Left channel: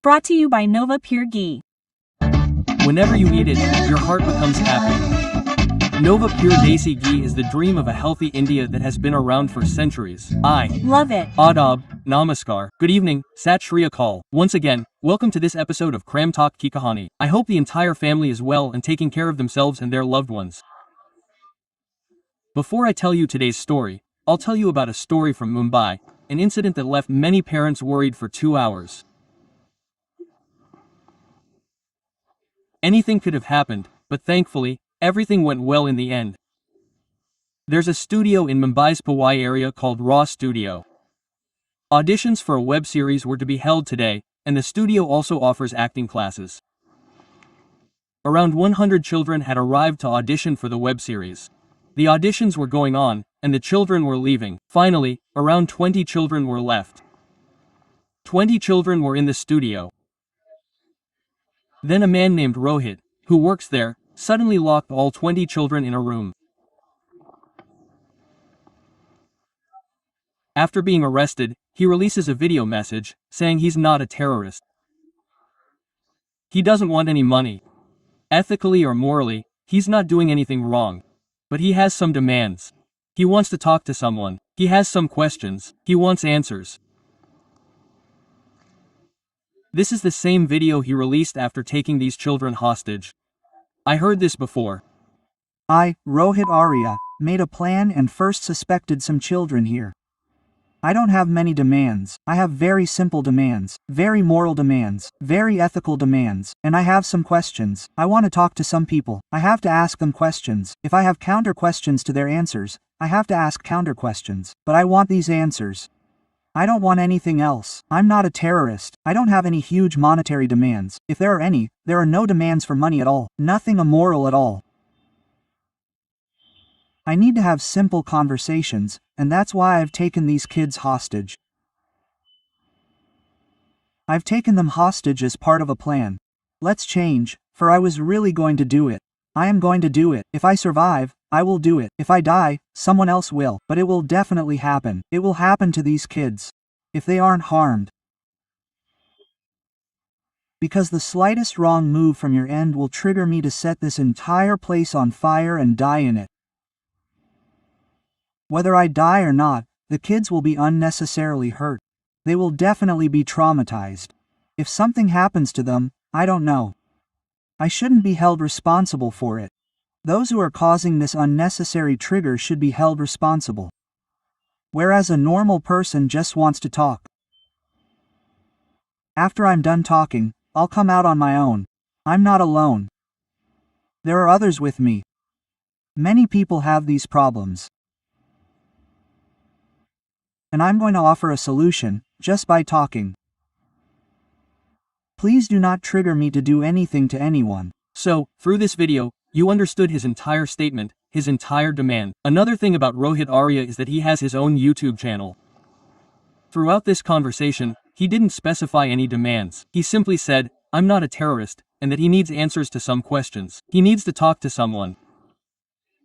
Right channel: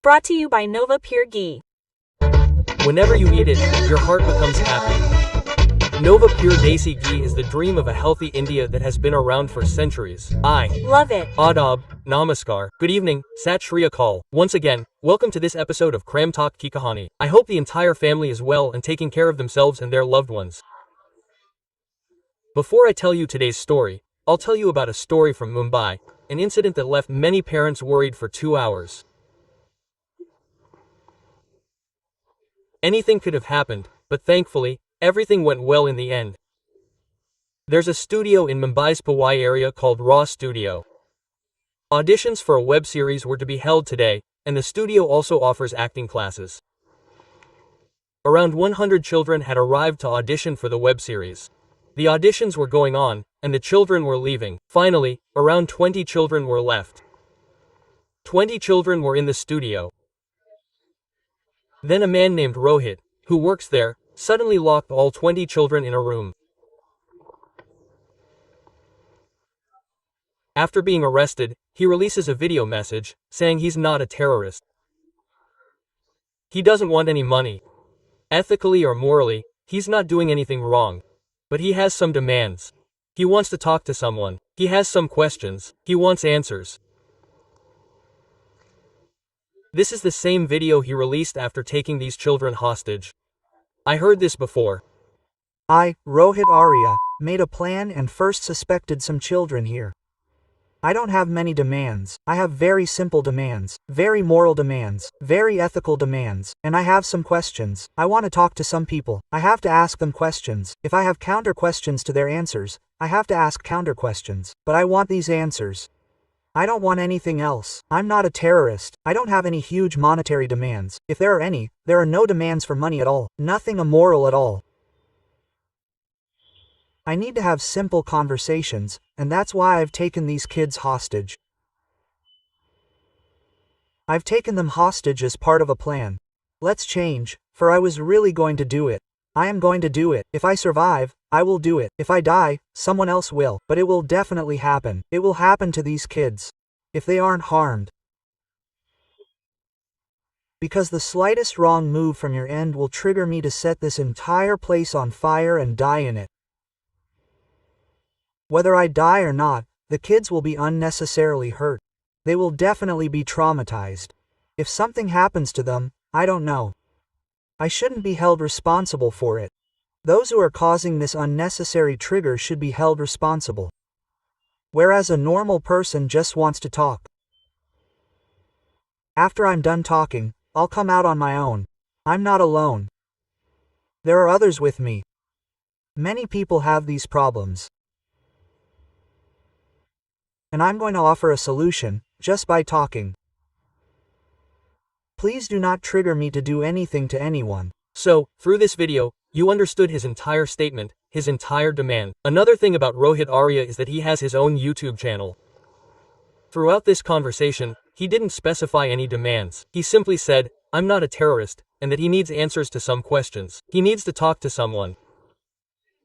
Brought to you by Nova Pure Ghee. Whenever you eat it, your heart becomes happy. Nova Pure Desi Ghee is the dream of a healthy India that has been around for centuries. I Love it. Adab, Namaskar. Good evening, Sat Shri Akal. Once again, welcome to this episode of Kram Talk Ki Kahani. I hope the entire family is well and taking care of themselves and their loved ones. Before I tell you today's story, I'll tell you about a story from Mumbai, an incident that left many parents worried for 2 hours. Anything could have happened, but thankfully, everything went well in the end. There's a studio in Mumbai's Powai area called Raw Studio. Auditions for a web series were to be held today, and the studio also offers acting classes. Around 100 children had arrived to audition for the web series. The auditions were going on, and the children were leaving. Finally, around 20 children were left. 20 children were in the studio. Then a man named Rohit, who works there, suddenly locked all 20 children in a room. After being arrested, he releases a video message, saying he's not a terrorist. He doesn't want any money. Ethically or morally, he's not doing anything wrong. But he has some demands. He wants to talk to someone. He has some questions. He wants answers. This is the same video he released after taking these children hostage. I heard this before. I, Rohit Arya, made a plan and first suspected some children here. I don't have many demands. I have very simple demands, very moral demands, very ethical demands, and I have some questions. I want to talk to some people. I have to ask them questions. If I have counter questions to their answers, I have to ask counter questions. But I want these answers. I don't want anything else. I'm not a terrorist. I don't have any huge monetary demands. If there are any, there are no demands for money at all. Nothing immoral at all. I need to have simple conversations, and that's why I've taken these kids hostage. I've taken them hostage as part of a plan. Let's change, for I was really going to do it. I am going to do it. If I survive, I will do it. If I die, someone else will. But it will definitely happen. It will happen to these kids. If they aren't harmed. Because the slightest wrong move from your end will trigger me to set this entire place on fire and die in it. Whether I die or not, the kids will be unnecessarily hurt. They will definitely be traumatized. If something happens to them, I don't know. I shouldn't be held responsible for it. Those who are causing this unnecessary trigger should be held responsible. Whereas a normal person just wants to talk. After I'm done talking, I'll come out on my own. I'm not alone. There are others with me. Many people have these problems. And I'm going to offer a solution, just by talking. Please do not trigger me to do anything to anyone. So, through this video, you understood his entire statement, his entire demand. Another thing about Rohit Arya is that he has his own YouTube channel. Throughout this conversation, he didn't specify any demands. He simply said, I'm not a terrorist, and that he needs answers to some questions. He needs to talk to someone.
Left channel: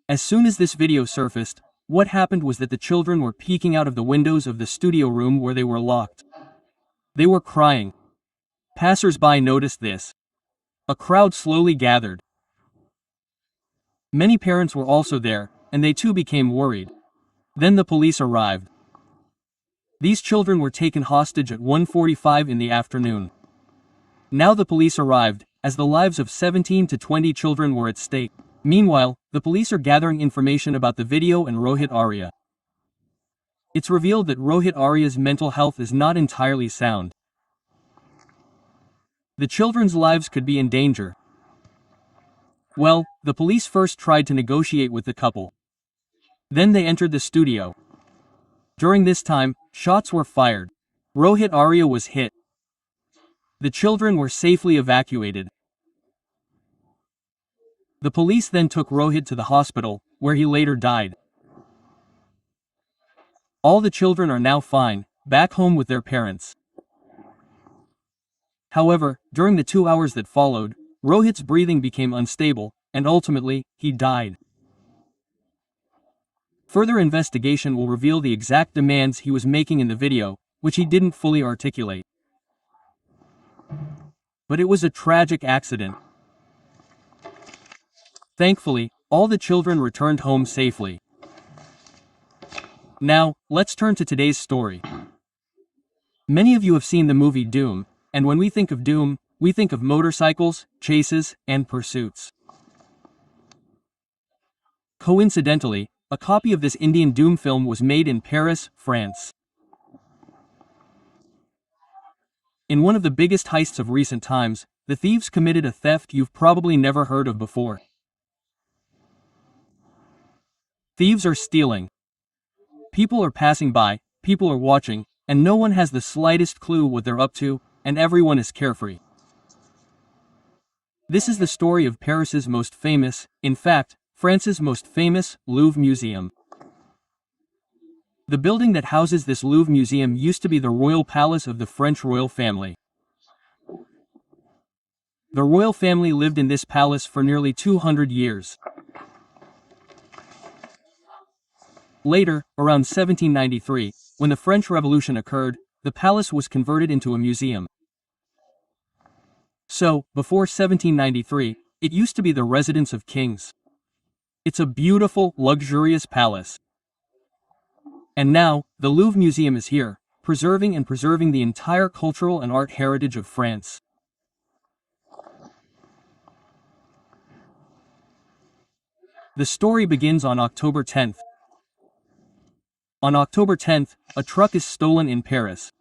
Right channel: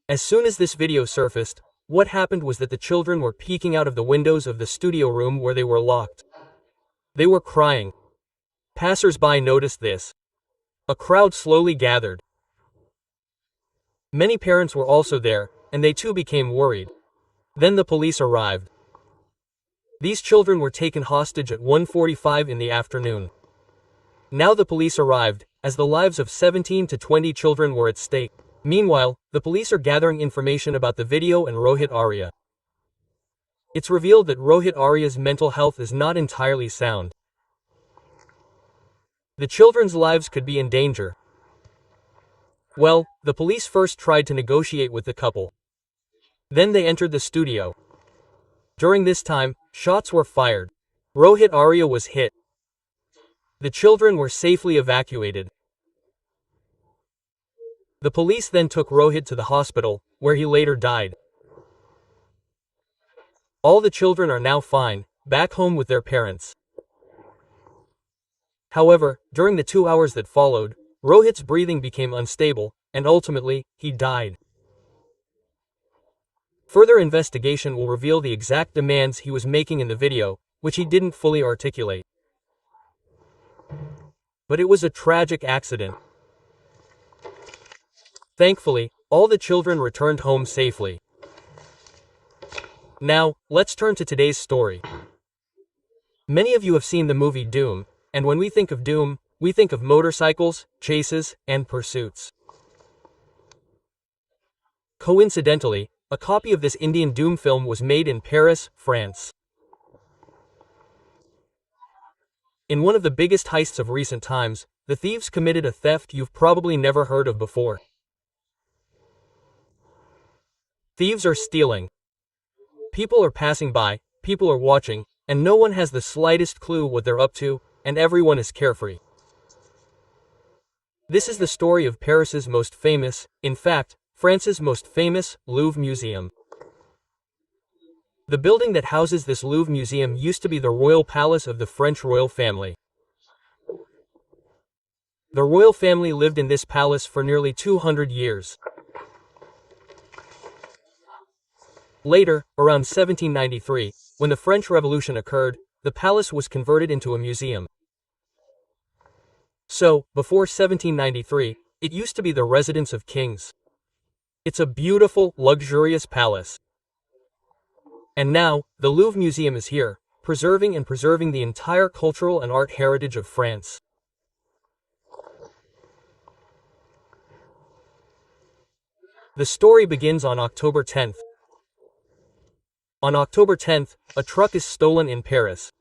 As soon as this video surfaced, what happened was that the children were peeking out of the windows of the studio room where they were locked. They were crying. Passers-by noticed this. A crowd slowly gathered. Many parents were also there, and they too became worried. Then the police arrived. These children were taken hostage at 1:45 in the afternoon. Now the police arrived, as the lives of 17 to 20 children were at stake. Meanwhile, the police are gathering information about the video and Rohit Arya. It's revealed that Rohit Arya's mental health is not entirely sound. The children's lives could be in danger. Well, the police first tried to negotiate with the couple. Then they entered the studio. During this time, shots were fired. Rohit Arya was hit. The children were safely evacuated. The police then took Rohit to the hospital, where he later died. All the children are now fine, back home with their parents. However, during the 2 hours that followed, Rohit's breathing became unstable, and ultimately, he died. Further investigation will reveal the exact demands he was making in the video, which he didn't fully articulate. But it was a tragic accident. Thankfully, all the children returned home safely. Now, let's turn to today's story. Many of you have seen the movie Doom, and when we think of Doom, we think of motorcycles, chases, and pursuits. Coincidentally, a copy of this Indian Doom film was made in Paris, France. In one of the biggest heists of recent times, the thieves committed a theft you've probably never heard of before. Thieves are stealing. People are passing by, people are watching, and no one has the slightest clue what they're up to, and everyone is carefree. This is the story of Paris's most famous, in fact, France's most famous, Louvre Museum. The building that houses this Louvre Museum used to be the royal palace of the French royal family. The royal family lived in this palace for nearly 200 years. Later, around 1793, when the French Revolution occurred, the palace was converted into a museum. So, before 1793, it used to be the residence of kings. It's a beautiful, luxurious palace. And now, the Louvre Museum is here, preserving the entire cultural and art heritage of France. The story begins on October 10th. On October 10th, a truck is stolen in Paris.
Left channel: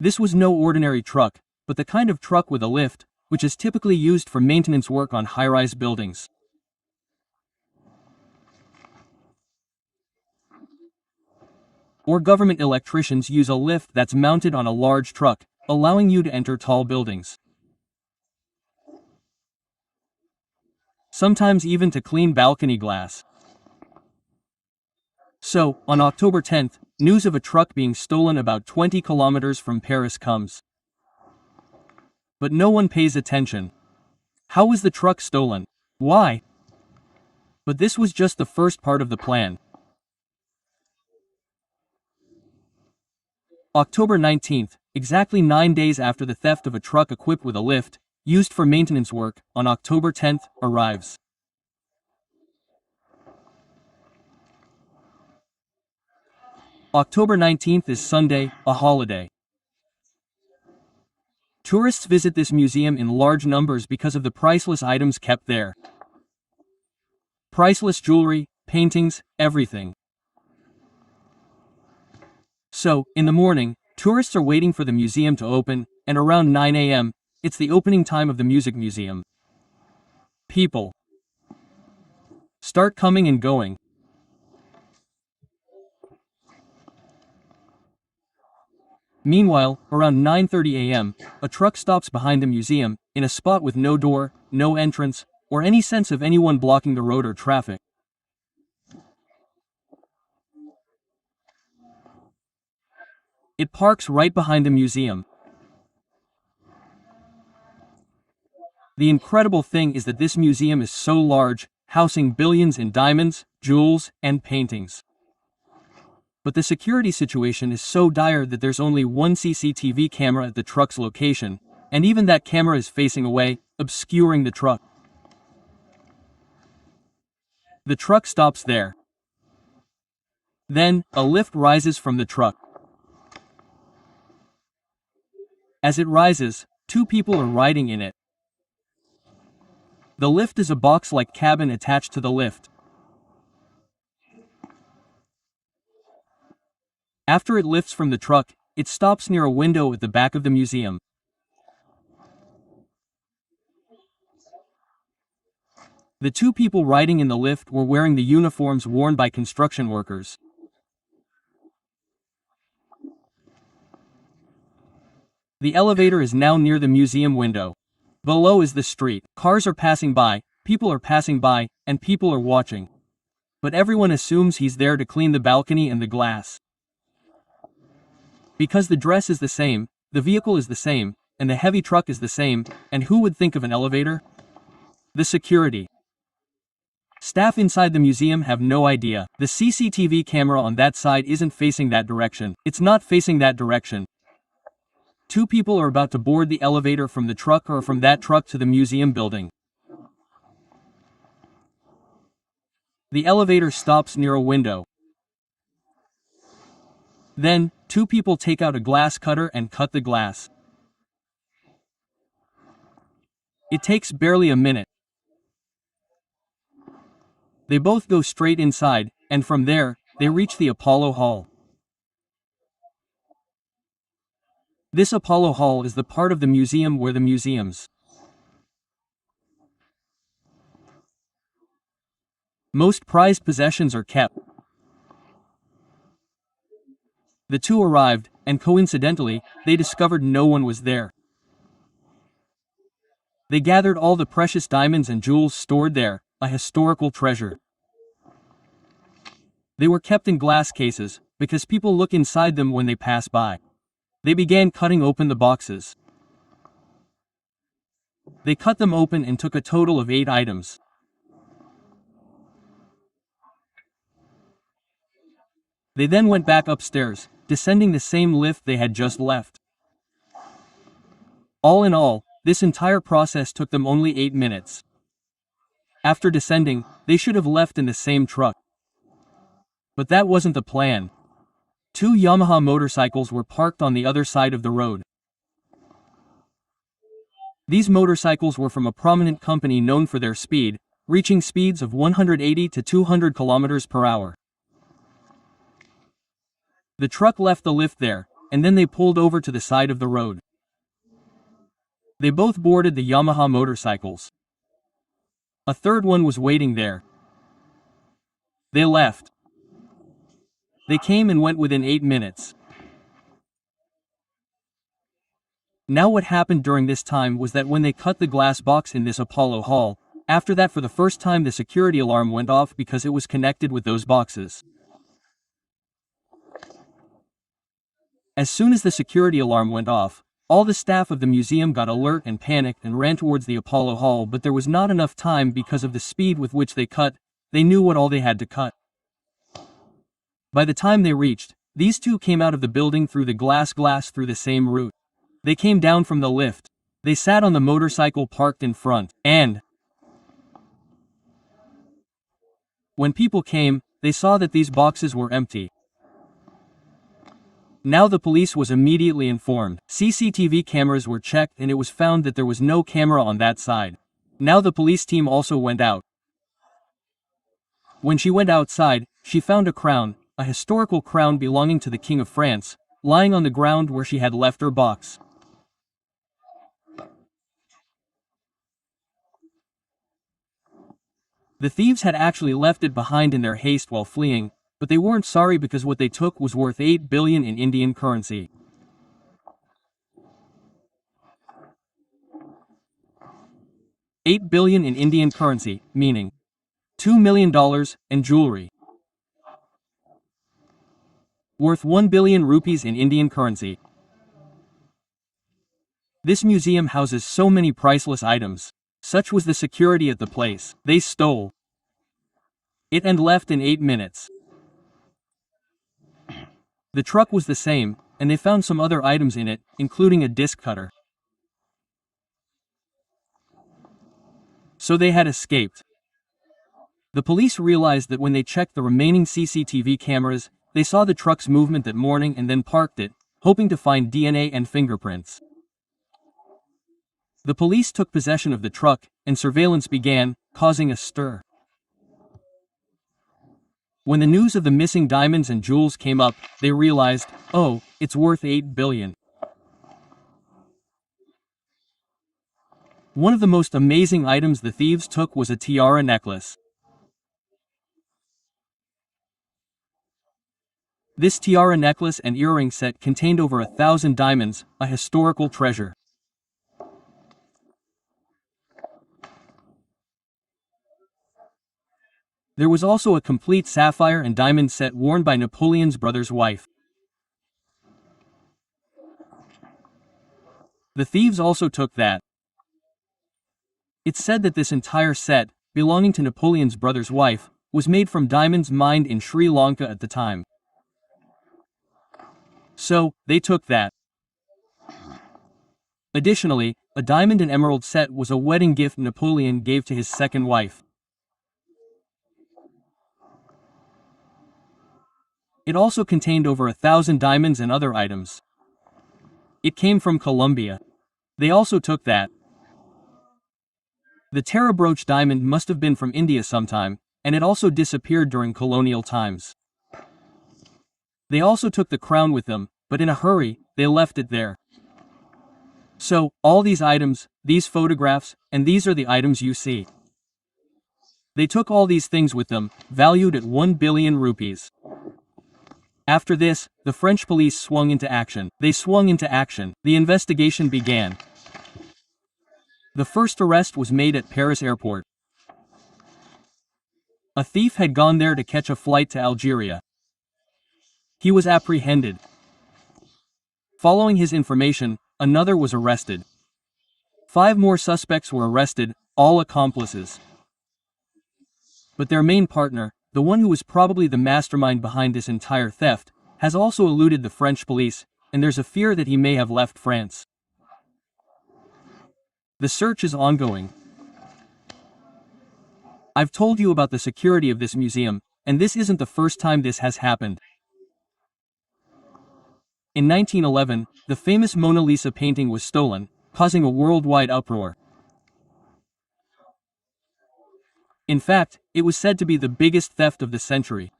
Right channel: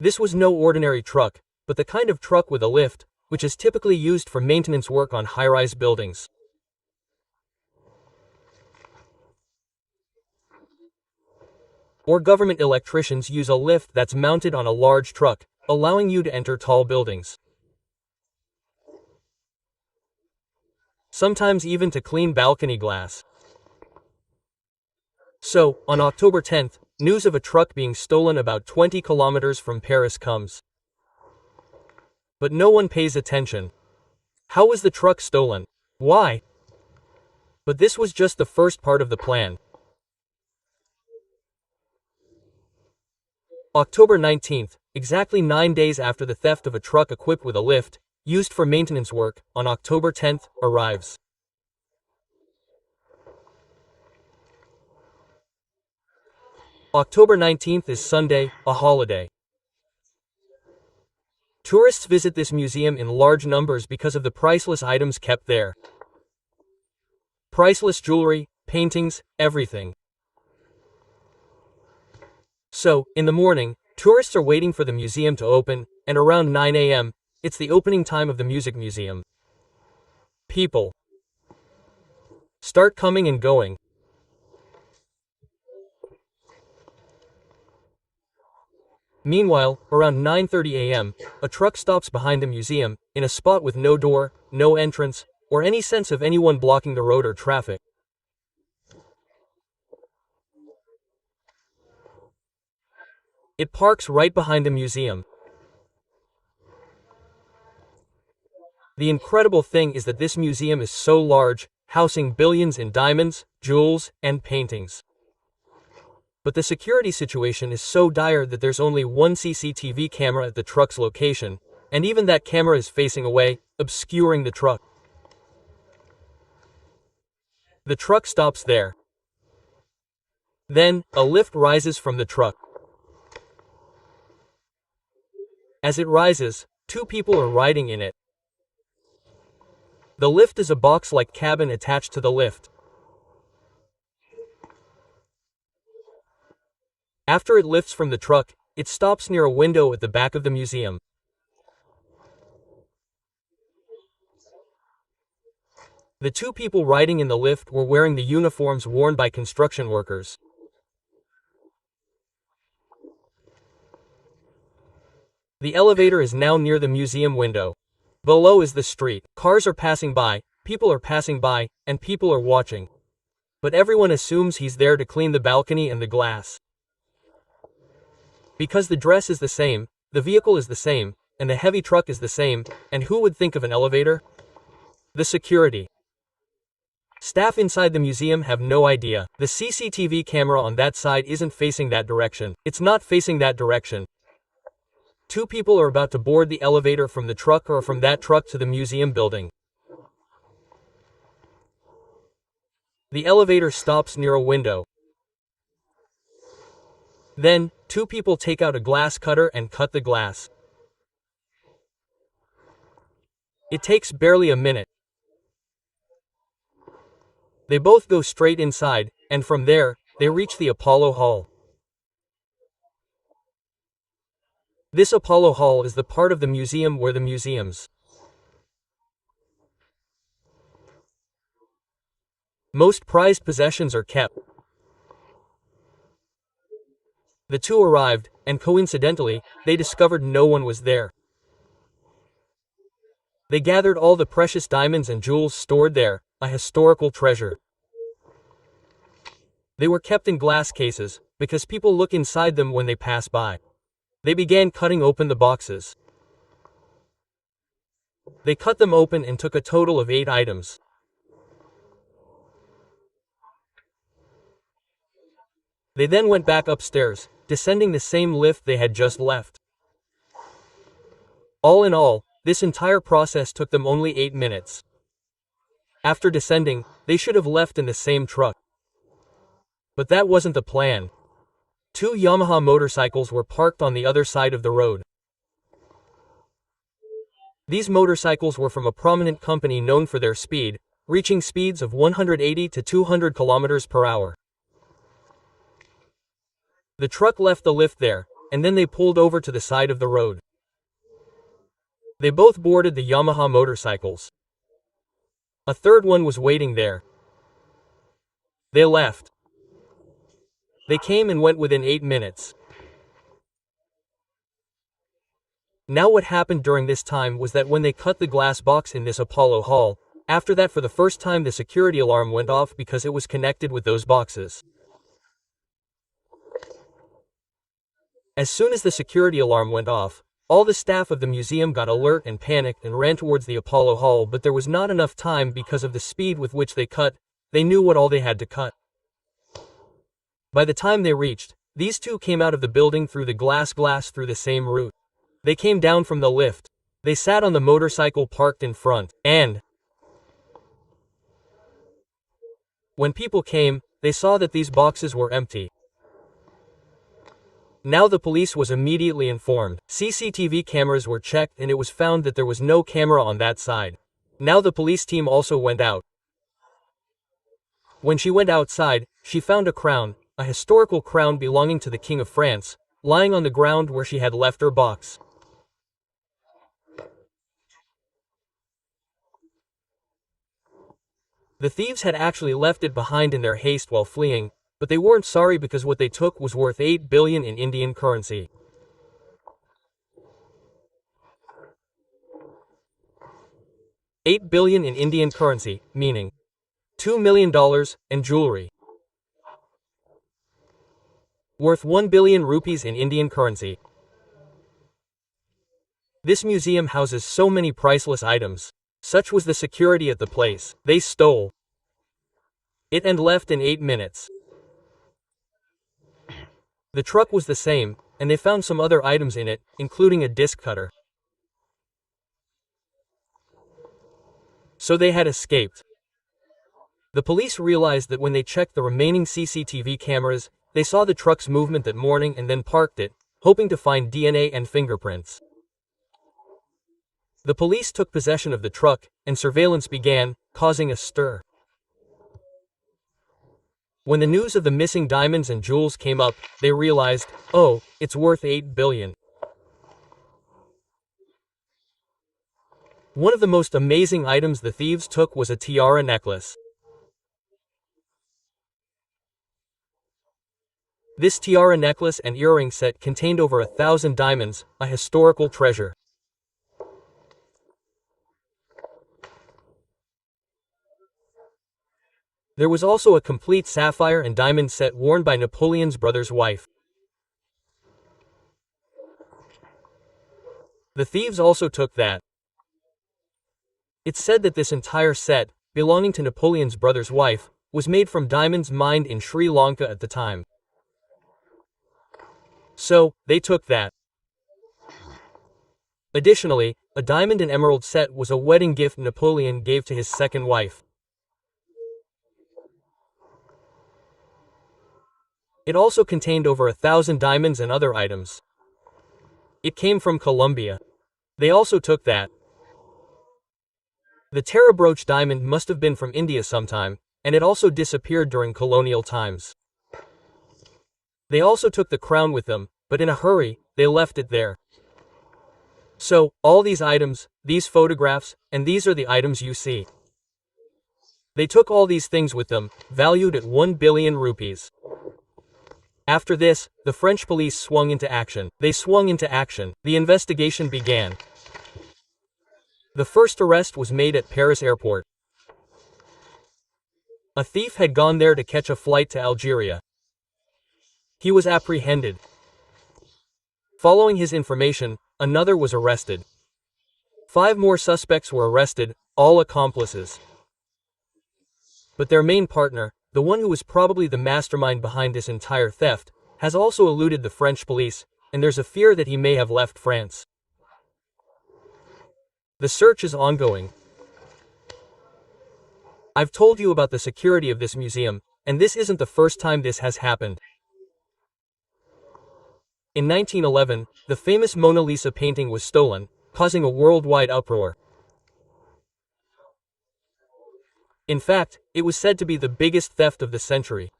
This was no ordinary truck, but the kind of truck with a lift, which is typically used for maintenance work on high-rise buildings. Or government electricians use a lift that's mounted on a large truck, allowing you to enter tall buildings. Sometimes even to clean balcony glass. So, on October 10th, news of a truck being stolen about 20 kilometers from Paris comes. But no one pays attention. How was the truck stolen? Why? But this was just the first part of the plan. October 19th, exactly 9 days after the theft of a truck equipped with a lift, used for maintenance work, on October 10th, arrives. October 19th is Sunday, a holiday. Tourists visit this museum in large numbers because of the priceless items kept there. Priceless jewelry, paintings, everything. So, in the morning, tourists are waiting for the museum to open, and around 9 a.m., it's the opening time of the music museum. People start coming and going. Meanwhile, around 9:30 a.m., a truck stops behind the museum, in a spot with no door, no entrance, or any sense of anyone blocking the road or traffic. It parks right behind the museum. The incredible thing is that this museum is so large, housing billions in diamonds, jewels, and paintings. But the security situation is so dire that there's only one CCTV camera at the truck's location, and even that camera is facing away, obscuring the truck. The truck stops there. Then, a lift rises from the truck. As it rises, two people are riding in it. The lift is a box-like cabin attached to the lift. After it lifts from the truck, it stops near a window at the back of the museum. The two people riding in the lift were wearing the uniforms worn by construction workers. The elevator is now near the museum window. Below is the street. Cars are passing by, people are passing by, and people are watching. But everyone assumes he's there to clean the balcony and the glass. Because the dress is the same, the vehicle is the same, and the heavy truck is the same, and who would think of an elevator? The security. Staff inside the museum have no idea. The CCTV camera on that side isn't facing that direction. It's not facing that direction. Two people are about to board the elevator from the truck or from that truck to the museum building. The elevator stops near a window. Then, two people take out a glass cutter and cut the glass. It takes barely a minute. They both go straight inside, and from there, they reach the Apollo Hall. This Apollo Hall is the part of the museum where the museum's most prized possessions are kept. The two arrived, and coincidentally, they discovered no one was there. They gathered all the precious diamonds and jewels stored there, a historical treasure. They were kept in glass cases, because people look inside them when they pass by. They began cutting open the boxes. They cut them open and took a total of 8 items. They then went back upstairs, descending the same lift they had just left. All in all, this entire process took them only 8 minutes. After descending, they should have left in the same truck. But that wasn't the plan. 2 Yamaha motorcycles were parked on the other side of the road. These motorcycles were from a prominent company known for their speed, reaching speeds of 180 to 200 kilometers per hour. The truck left the lift there, and then they pulled over to the side of the road. They both boarded the Yamaha motorcycles. A third one was waiting there. They left. They came and went within 8 minutes. Now what happened during this time was that when they cut the glass box in this Apollo Hall, after that for the first time the security alarm went off because it was connected with those boxes. As soon as the security alarm went off, all the staff of the museum got alert and panicked and ran towards the Apollo Hall, but there was not enough time because of the speed with which they cut. They knew what all they had to cut. By the time they reached, these two came out of the building through the glass through the same route. They came down from the lift. They sat on the motorcycle parked in front, and when people came, they saw that these boxes were empty. Now the police was immediately informed. CCTV cameras were checked and it was found that there was no camera on that side. Now the police team also went out. When she went outside, she found a crown, a historical crown belonging to the King of France, lying on the ground where she had left her box. The thieves had actually left it behind in their haste while fleeing, but they weren't sorry because what they took was worth 8 billion in Indian currency. $8 billion in Indian currency, meaning $2 million, and jewelry worth 1 billion rupees in Indian currency. This museum houses so many priceless items. Such was the security at the place. They stole it and left in 8 minutes. The truck was the same, and they found some other items in it, including a disc cutter. So they had escaped. The police realized that when they checked the remaining CCTV cameras, they saw the truck's movement that morning and then parked it, hoping to find DNA and fingerprints. The police took possession of the truck, and surveillance began, causing a stir. When the news of the missing diamonds and jewels came up, they realized, oh, it's worth 8 billion. One of the most amazing items the thieves took was a tiara necklace. This tiara necklace and earring set contained over 1,000 diamonds, a historical treasure. There was also a complete sapphire and diamond set worn by Napoleon's brother's wife. The thieves also took that. It's said that this entire set, belonging to Napoleon's brother's wife, was made from diamonds mined in Sri Lanka at the time. So, they took that. Additionally, a diamond and emerald set was a wedding gift Napoleon gave to his second wife. It also contained over 1,000 diamonds and other items. It came from Colombia. They also took that. The Tara brooch diamond must have been from India sometime, and it also disappeared during colonial times. They also took the crown with them, but in a hurry, they left it there. So, all these items, these photographs, and these are the items you see. They took all these things with them, valued at 1 billion rupees. After this, the French police swung into action. They swung into action. The investigation began. The first arrest was made at Paris airport. A thief had gone there to catch a flight to Algeria. He was apprehended. Following his information, another was arrested. 5 more suspects were arrested, all accomplices. But their main partner, the one who was probably the mastermind behind this entire theft, has also eluded the French police, and there's a fear that he may have left France. The search is ongoing. I've told you about the security of this museum, and this isn't the first time this has happened. In 1911, the famous Mona Lisa painting was stolen, causing a worldwide uproar. In fact, it was said to be the biggest theft of the century.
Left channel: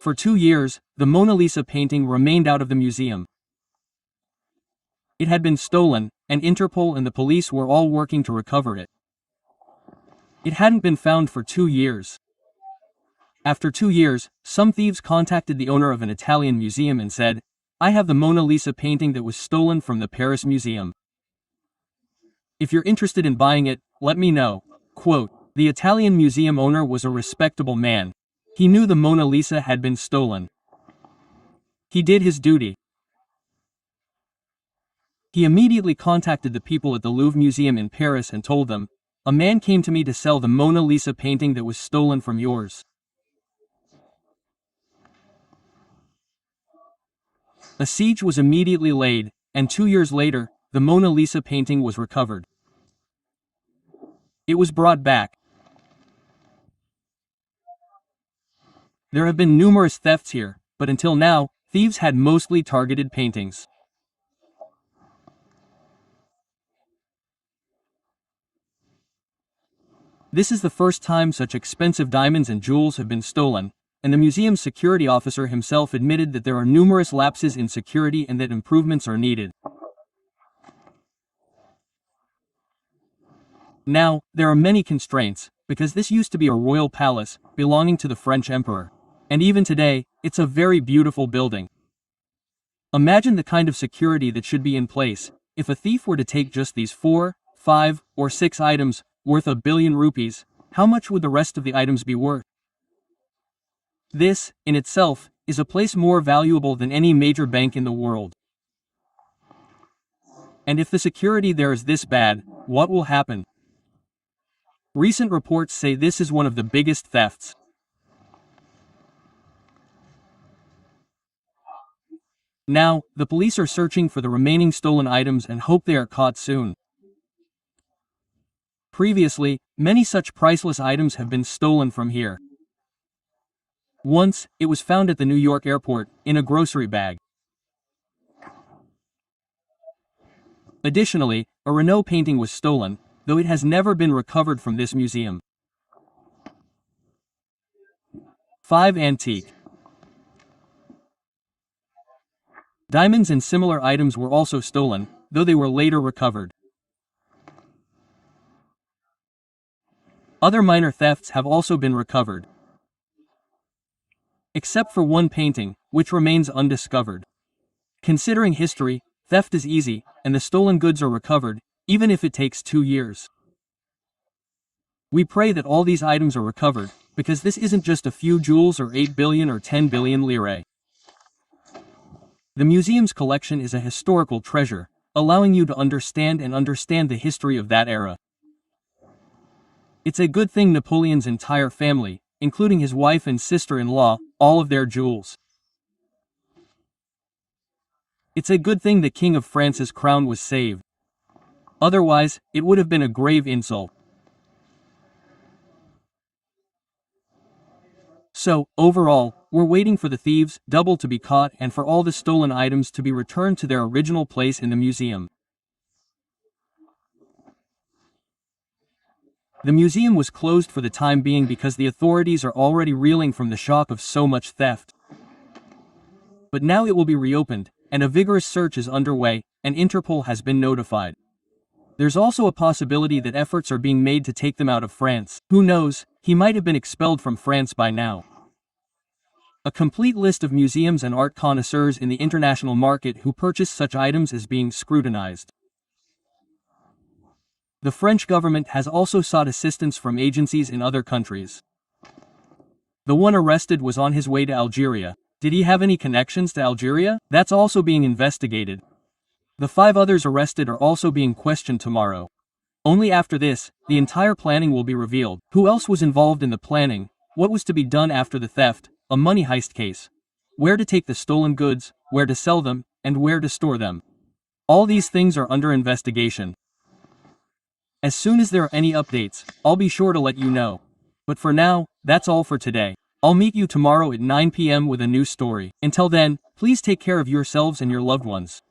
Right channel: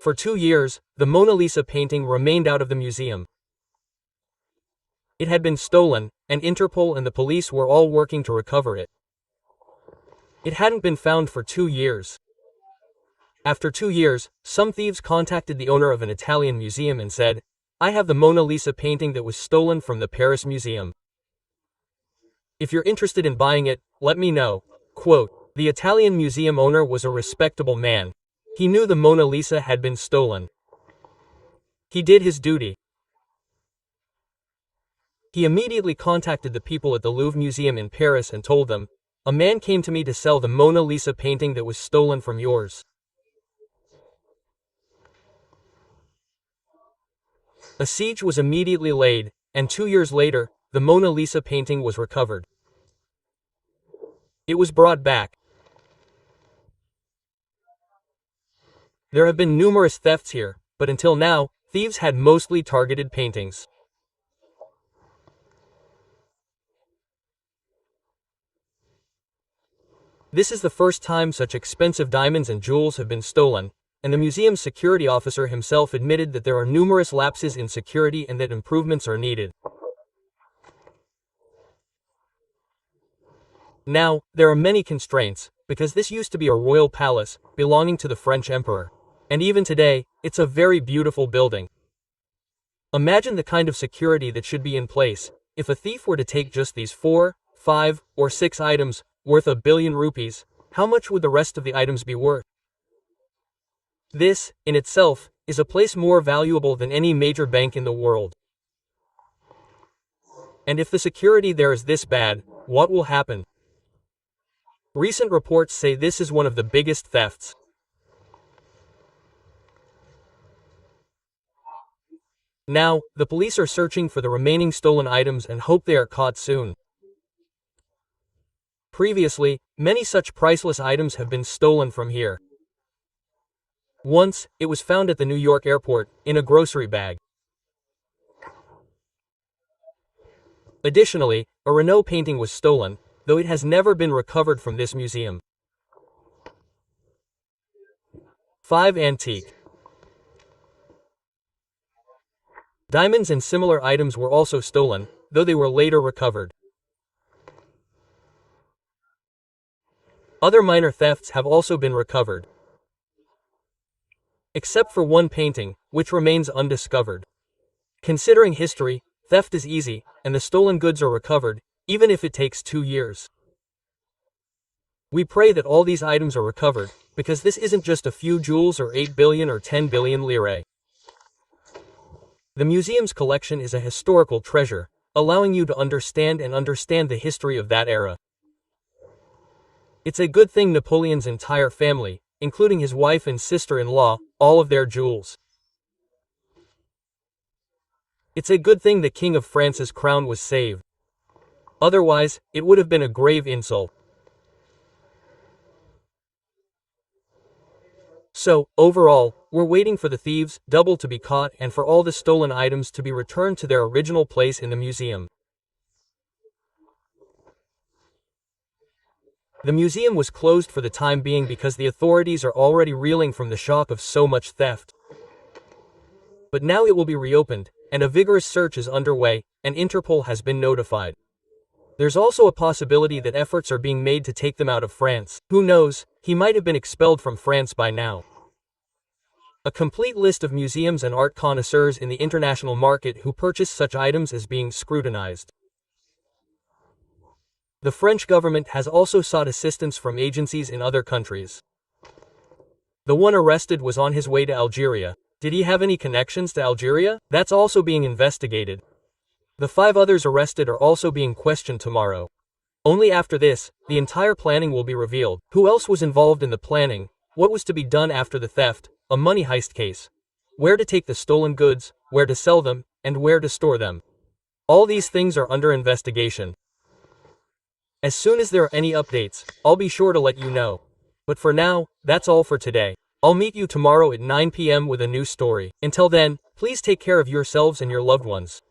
For 2 years, the Mona Lisa painting remained out of the museum. It had been stolen, and Interpol and the police were all working to recover it. It hadn't been found for 2 years. After 2 years, some thieves contacted the owner of an Italian museum and said, "I have the Mona Lisa painting that was stolen from the Paris museum. If you're interested in buying it, let me know." Quote, the Italian museum owner was a respectable man. He knew the Mona Lisa had been stolen. He did his duty. He immediately contacted the people at the Louvre Museum in Paris and told them, "A man came to me to sell the Mona Lisa painting that was stolen from yours." A siege was immediately laid, and 2 years later, the Mona Lisa painting was recovered. It was brought back. There have been numerous thefts here, but until now, thieves had mostly targeted paintings. This is the first time such expensive diamonds and jewels have been stolen, and the museum's security officer himself admitted that there are numerous lapses in security and that improvements are needed. Now, there are many constraints, because this used to be a royal palace, belonging to the French emperor. And even today, it's a very beautiful building. Imagine the kind of security that should be in place, if a thief were to take just these 4, 5, or 6 items, worth 1 billion rupees, how much would the rest of the items be worth? This, in itself, is a place more valuable than any major bank in the world. And if the security there is this bad, what will happen? Recent reports say this is one of the biggest thefts. Now, the police are searching for the remaining stolen items and hope they are caught soon. Previously, many such priceless items have been stolen from here. Once, it was found at the New York airport, in a grocery bag. Additionally, a Renault painting was stolen, though it has never been recovered from this museum. 5 antique diamonds and similar items were also stolen, though they were later recovered. Other minor thefts have also been recovered. Except for one painting, which remains undiscovered. Considering history, theft is easy, and the stolen goods are recovered, even if it takes 2 years. We pray that all these items are recovered, because this isn't just a few jewels or 8 billion or 10 billion lire. The museum's collection is a historical treasure, allowing you to understand the history of that era. It's a good thing Napoleon's entire family, including his wife and sister-in-law, all of their jewels. It's a good thing the King of France's crown was saved. Otherwise, it would have been a grave insult. So, overall, we're waiting for the thieves, double to be caught and for all the stolen items to be returned to their original place in the museum. The museum was closed for the time being because the authorities are already reeling from the shock of so much theft. But now it will be reopened, and a vigorous search is underway, and Interpol has been notified. There's also a possibility that efforts are being made to take them out of France. Who knows, he might have been expelled from France by now. A complete list of museums and art connoisseurs in the international market who purchase such items is being scrutinized. The French government has also sought assistance from agencies in other countries. The one arrested was on his way to Algeria. Did he have any connections to Algeria? That's also being investigated. The 5 others arrested are also being questioned tomorrow. Only after this, the entire planning will be revealed. Who else was involved in the planning? What was to be done after the theft? A money heist case. Where to take the stolen goods, where to sell them, and where to store them. All these things are under investigation. As soon as there are any updates, I'll be sure to let you know. But for now, that's all for today. I'll meet you tomorrow at 9 p.m. with a new story. Until then, please take care of yourselves and your loved ones.